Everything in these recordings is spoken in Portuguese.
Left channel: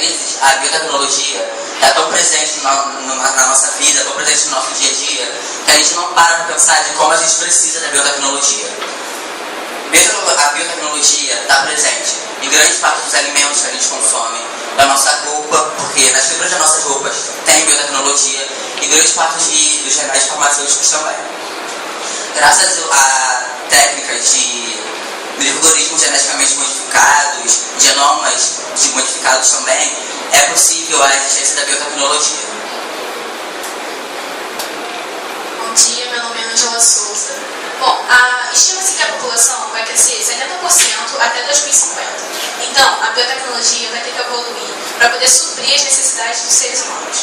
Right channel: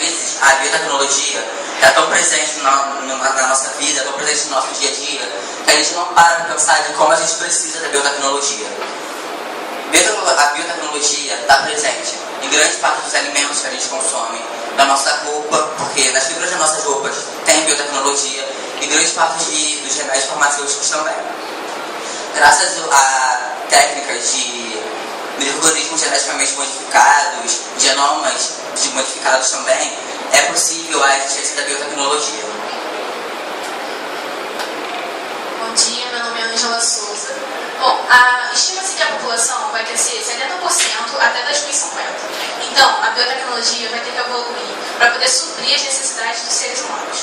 A biotecnologia está tão presente na nossa vida, tão presente no nosso dia a dia, que a gente não para para pensar de como a gente precisa da biotecnologia. A biotecnologia está presente em grande parte dos alimentos que a gente consome, da nossa roupa, porque nas fibras das nossas roupas tem biotecnologia, e grande parte dos remédios farmacêuticos também. Graças a técnicas de micro-organismos geneticamente modificados, genomas modificados também, é possível a existência da biotecnologia. Bom dia, meu nome é Angela Souza. Bom, estima-se que a população vai crescer 70% até 2050. Então, a biotecnologia vai ter que evoluir para poder suprir as necessidades dos seres humanos.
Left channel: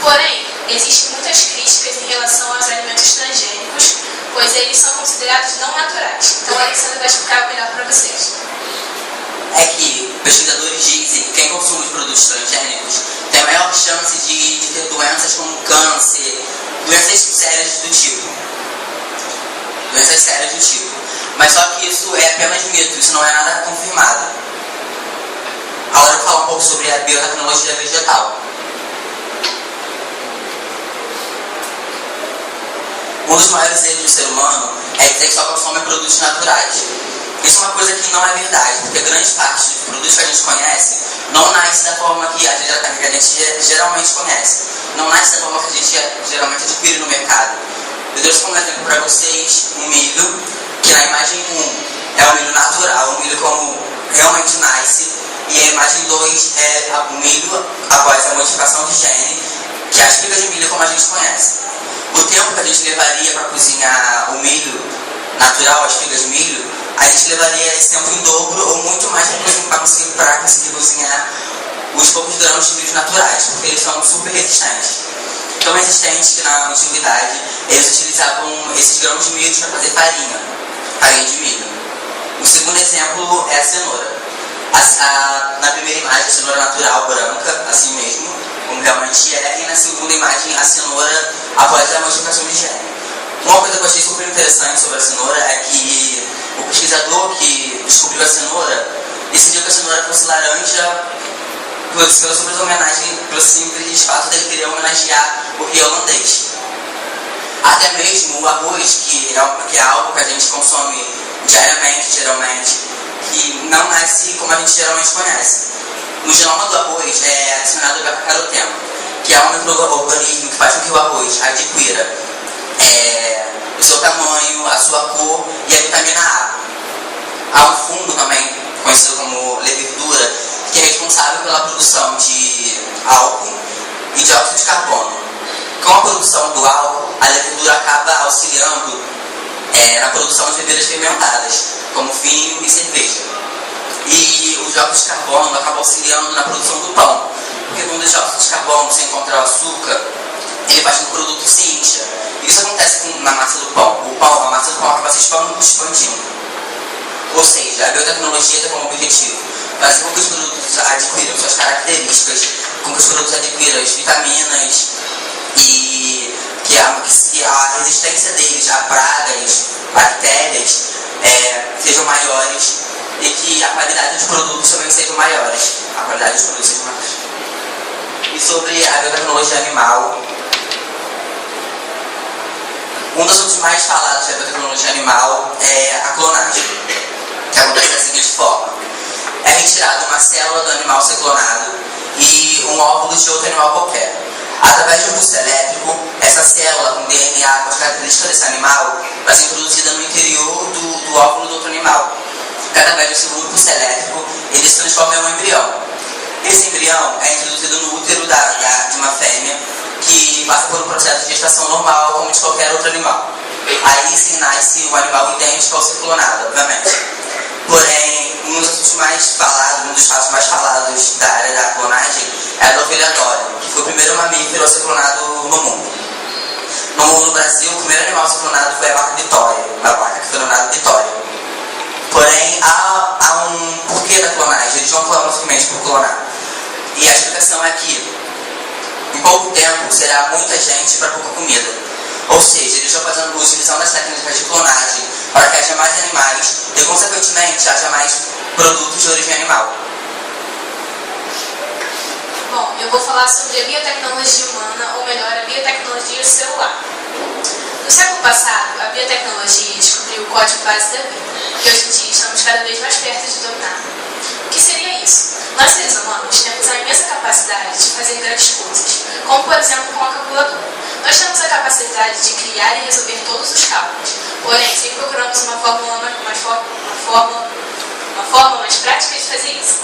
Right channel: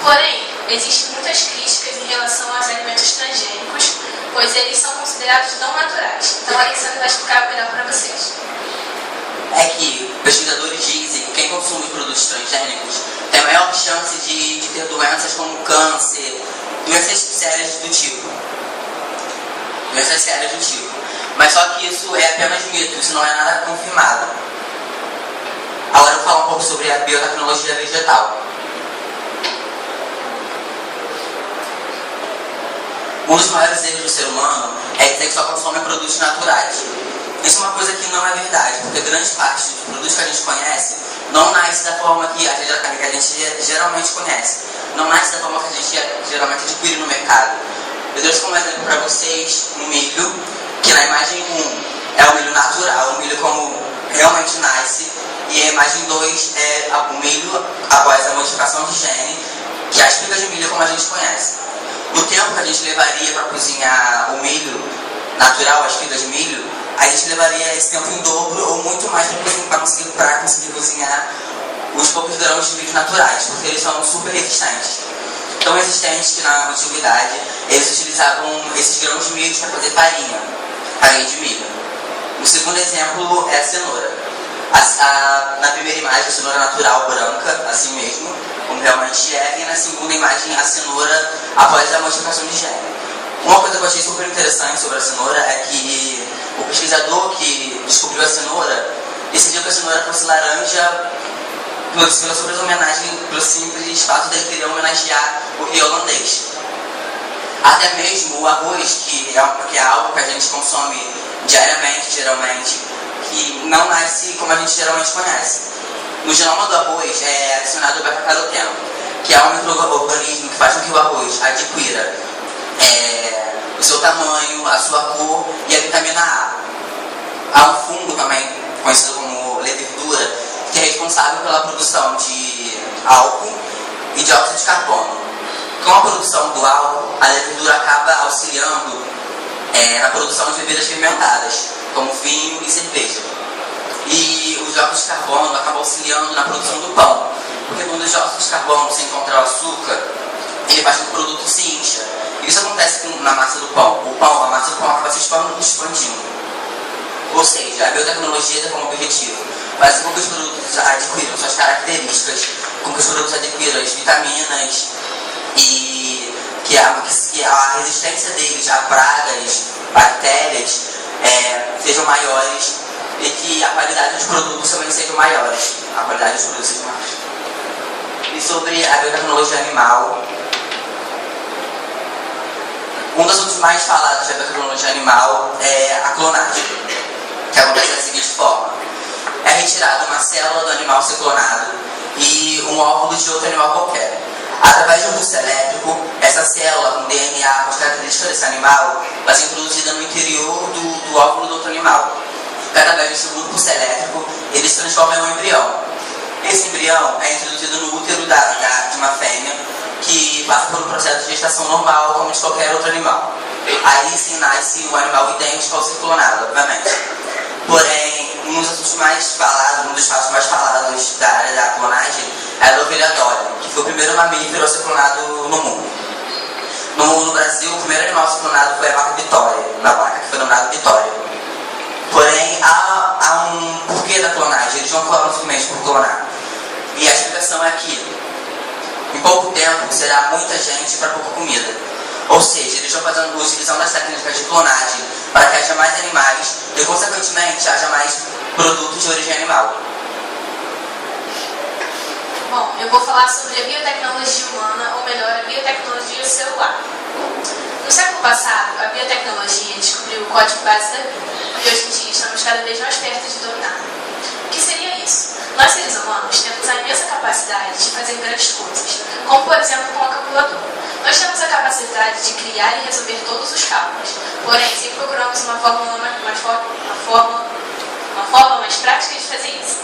Porém, existem muitas críticas em relação aos alimentos transgênicos, pois eles são considerados não naturais. Então, a Alessandra vai explicar melhor para vocês. É que pesquisadores dizem que quem consome produtos transgênicos tem a maior chance de ter doenças como câncer, doenças sérias do tipo. Mas só que isso é apenas mito, isso não é nada confirmado. Agora eu vou falar um pouco sobre a biotecnologia vegetal. Um dos maiores erros do ser humano é dizer que só consome produtos naturais. Isso é uma coisa que não é verdade, porque grande parte dos produtos que a gente conhece não nasce da forma que a gente geralmente conhece. Não nasce da forma que a gente geralmente adquire no mercado. Eu trouxe como exemplo para vocês um milho, que na imagem 1 é o milho natural, o milho como realmente nasce, e a imagem 2 é o milho após a modificação de gene, que é as espigas de milho como a gente conhece. O tempo que a gente levaria para cozinhar o milho natural, as espigas de milho, a gente levaria esse tempo em dobro ou muito mais para conseguir cozinhar os poucos grãos de milho naturais, porque eles são super resistentes. Tão resistentes que na antiguidade eles utilizavam esses grãos de milho para fazer farinha de milho. O segundo exemplo é a cenoura. Na primeira imagem, a cenoura natural branca, assim mesmo, como realmente é, e na segunda imagem, a cenoura após a modificação de gene. Uma coisa que eu achei super interessante sobre a cenoura é que o pesquisador que descobriu a cenoura decidiu que a cenoura fosse laranja pela simples homenagem, pelo simples fato de ele querer homenagear o rei holandês. Até mesmo o arroz, que é algo que a gente consome diariamente, geralmente, que não nasce como a gente geralmente conhece. No genoma do arroz é adicionado o beta-caroteno, que é um micro-organismo que faz com que o arroz adquira o seu tamanho, a sua cor e a vitamina A. Há um fungo também, conhecido como levedura, que é responsável pela produção de álcool e dióxido de carbono. Com a produção do álcool, a levedura acaba auxiliando na produção de bebidas fermentadas, como vinho e cerveja. E o dióxido de carbono acaba auxiliando na produção do pão, porque quando o dióxido de carbono se encontra o açúcar, ele faz com que o produto se incha. Isso acontece na massa do pão. A massa do pão acaba se expandindo. Ou seja, a biotecnologia tem como objetivo fazer com que os produtos adquiram suas características, com que os produtos adquiram as vitaminas e que a resistência deles a pragas, bactérias sejam maiores e que a qualidade dos produtos também sejam maiores. E sobre a biotecnologia animal, um dos assuntos mais falados da biotecnologia animal é a clonagem, que acontece da seguinte forma: é retirada uma célula do animal ser clonado e um óvulo de outro animal qualquer. Através de um pulso elétrico, essa célula com DNA, com as características desse animal, vai ser introduzida no interior do óvulo do outro animal. Através desse pulso elétrico, ele se transforma em um embrião. Esse embrião é introduzido no útero de uma fêmea, que passa por um processo de gestação normal, como de qualquer outro animal. Aí sim nasce um animal idêntico ao ser clonado, obviamente. Porém, um dos casos mais falados da área da clonagem é a ovelha Dolly, que foi o primeiro mamífero a ser clonado no mundo. No Brasil, o primeiro animal a ser clonado foi a vaca Vitória, uma vaca que foi nomeada Vitória. Porém, há um porquê da clonagem, eles não clonam simplesmente por clonar. E a explicação é que, em pouco tempo, será muita gente para pouca comida. Ou seja, eles estão utilizando as técnicas de clonagem para que haja mais animais e, consequentemente, haja mais produtos de origem animal. Bom, eu vou falar sobre a biotecnologia humana, ou melhor, a biotecnologia celular. No século passado, a biotecnologia descobriu o código base da vida, e hoje em dia estamos cada vez mais perto de dominar. O que seria isso? Nós, seres humanos, temos a imensa capacidade de fazer grandes coisas, como, por exemplo, com a calculadora. Nós temos a capacidade de criar e resolver todos os cálculos, porém, sempre procuramos uma forma mais prática de fazer isso.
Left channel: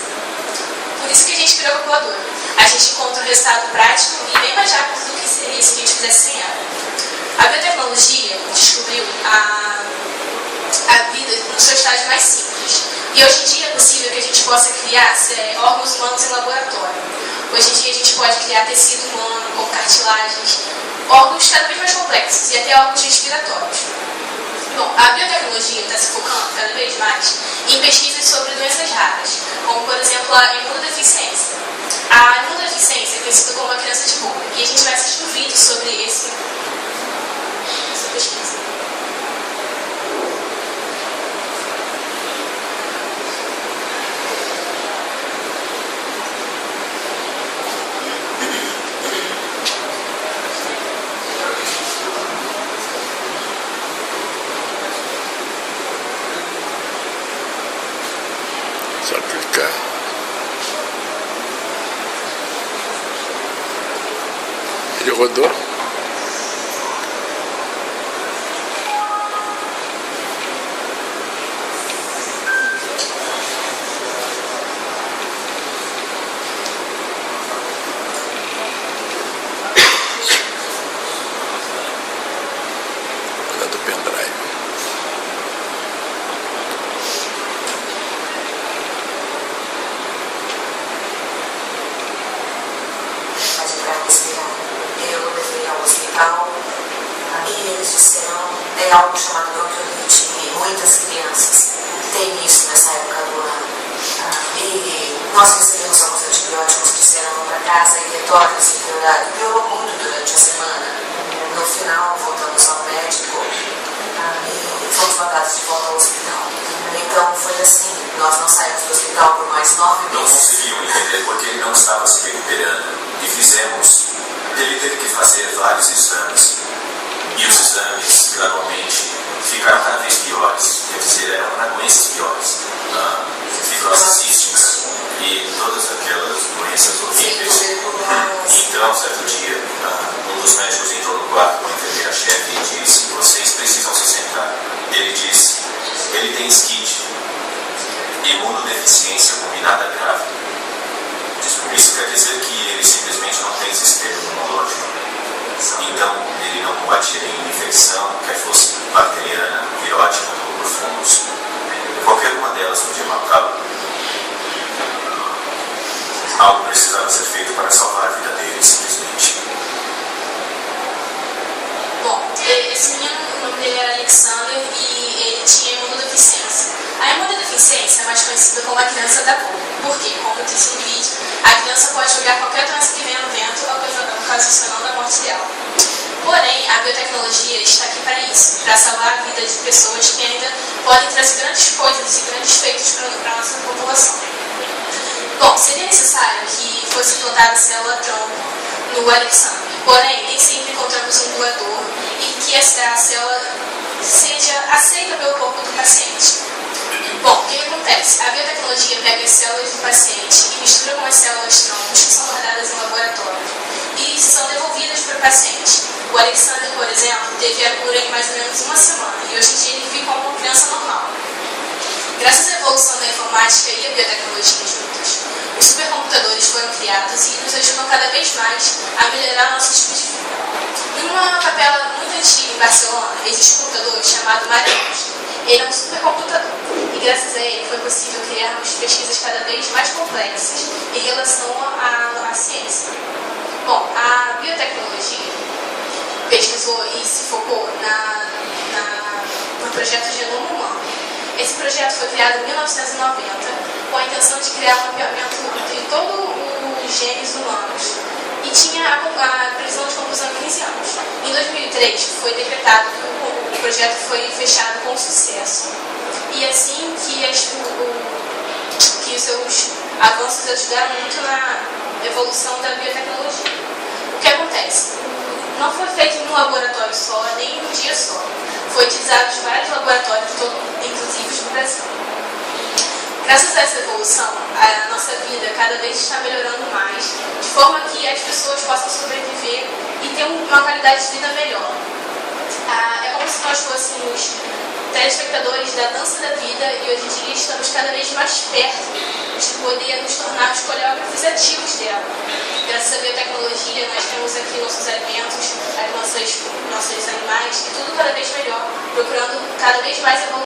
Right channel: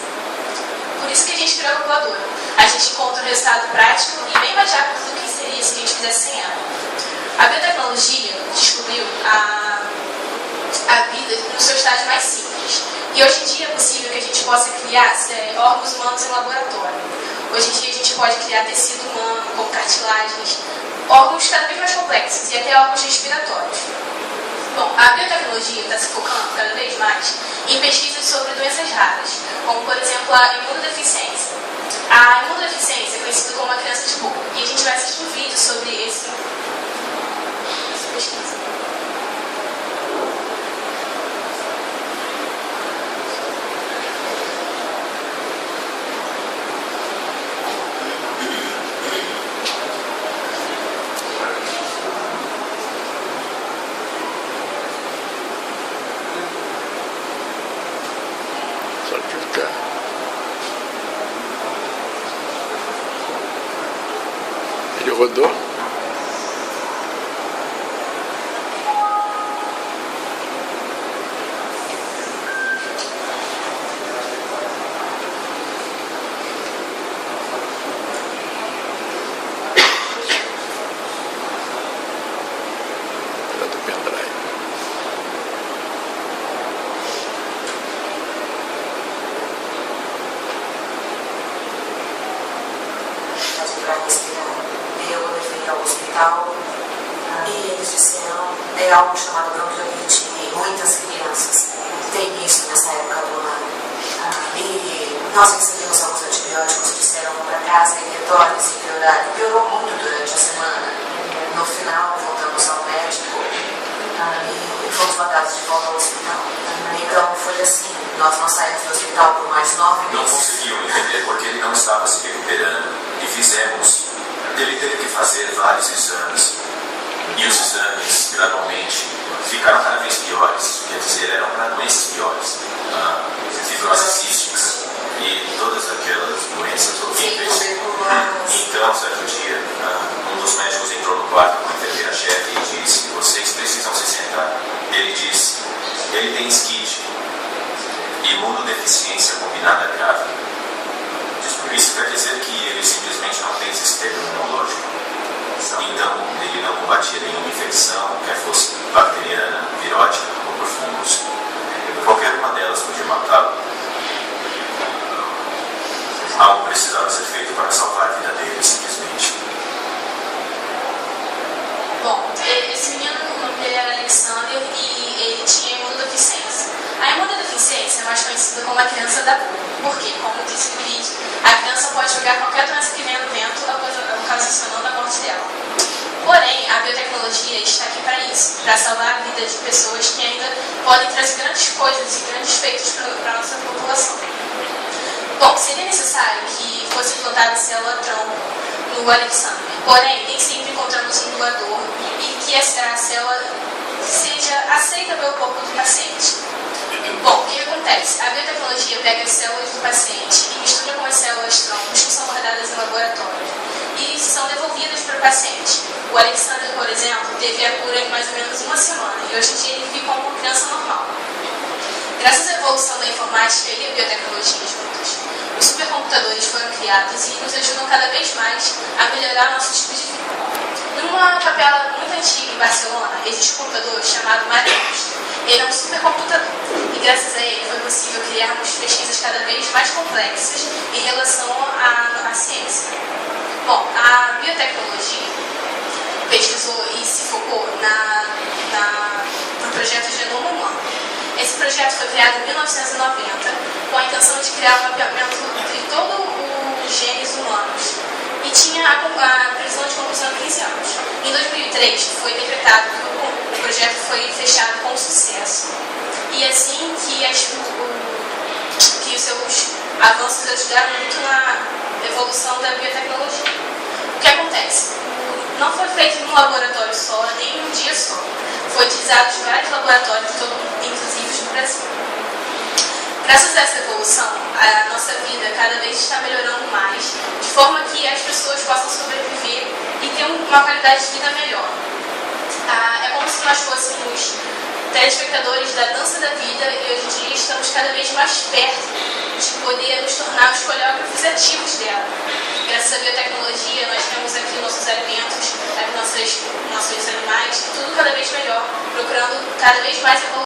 Por isso que a gente criou a calculadora. A gente encontra um resultado prático e bem mais rápido do que seria se a gente fizesse sem ela. A biotecnologia descobriu a vida no seu estágio mais simples. E hoje em dia é possível que a gente possa criar órgãos humanos em laboratório. Hoje em dia a gente pode criar tecido humano, como cartilagens, órgãos cada vez mais complexos e até órgãos respiratórios. Bom, a biotecnologia está se focando cada vez mais em pesquisas sobre doenças raras, como por exemplo a imunodeficiência. A imunodeficiência é conhecida como a criança de boca, e a gente vai assistir um vídeo sobre essa pesquisa. Só clicar. Ele rodou. Cuidado do pendrive. E eles disseram, é algo chamado bronquiolite, e muitas crianças têm isso nessa época do ano. E nós recebemos alguns antibióticos que disseram para casa e retornem se piorar. E piorou muito durante a semana. No final, voltamos ao médico e fomos mandados de volta ao hospital. Então foi assim, nós não saímos do hospital por mais 9 meses. Não conseguiam entender porque ele não estava se recuperando. E fizemos. Ele teve que fazer vários exames. E os exames, gradualmente, ficaram cada vez piores. Quer dizer, eram para doenças piores. Fibrose cística e todas aquelas doenças horríveis. Então, certo dia, um dos médicos entrou no quarto com a enfermeira-chefe e disse: vocês precisam se sentar. Ele disse: ele tem SCID, imunodeficiência combinada grave. Isso quer dizer que ele simplesmente não tem sistema imunológico. Então, ele não combatia nenhuma infecção, quer fosse bacteriana, virótica ou por fungos. Qualquer uma delas podia matá-lo. Algo precisava ser feito para salvar a vida dele, simplesmente. Bom, esse menino, o nome dele era Alexander e ele tinha imunodeficiência. A imunodeficiência é mais conhecida como a criança da boca. Por quê? Como eu disse no vídeo, a criança pode pegar qualquer doença que venha no vento, ocasionando a morte dela. Porém, a biotecnologia está aqui para isso, para salvar a vida de pessoas que ainda podem trazer grandes coisas e grandes feitos para a nossa população. Bom, seria necessário que fosse implantada a célula-tronco no Alexander, porém, nem sempre encontramos um doador e que essa célula seja aceita pelo corpo do paciente. Bom, o que acontece? A biotecnologia pega as células do paciente e mistura com as células-troncos que são guardadas em laboratório e são devolvidas para o paciente. O Alexander, por exemplo, teve a cura em mais ou menos uma semana e hoje em dia ele vive como uma criança normal. Graças à evolução da informática e a biotecnologia juntas, os supercomputadores foram criados e nos ajudam cada vez mais a melhorar o nosso tipo de vida. Numa capela muito antiga em Barcelona, existe um computador chamado Marinos. Ele é um supercomputador e graças a ele foi possível criarmos pesquisas cada vez mais complexas em relação à ciência. Bom, a biotecnologia pesquisou e se focou no projeto Genoma Humano. Esse projeto foi criado em 1990 com a intenção de criar um mapeamento entre todos os genes humanos e tinha a previsão de conclusão em 15 anos. Em 2003 foi decretado que o projeto foi fechado com sucesso e assim que os seus avanços ajudaram muito evolução da biotecnologia. O que acontece? Não foi feito em um laboratório só, nem em um dia só. Foi utilizado em vários laboratórios, inclusive no Brasil. Graças a essa evolução, a nossa vida cada vez está melhorando mais, de forma que as pessoas possam sobreviver e ter uma qualidade de vida melhor. É como se nós fôssemos telespectadores da dança da vida e hoje em dia estamos cada vez mais perto de poder nos tornarmos coreógrafos ativos dela. Graças à biotecnologia, nós temos aqui nossos alimentos, nossos animais, e tudo cada vez melhor, procurando cada vez mais evoluir.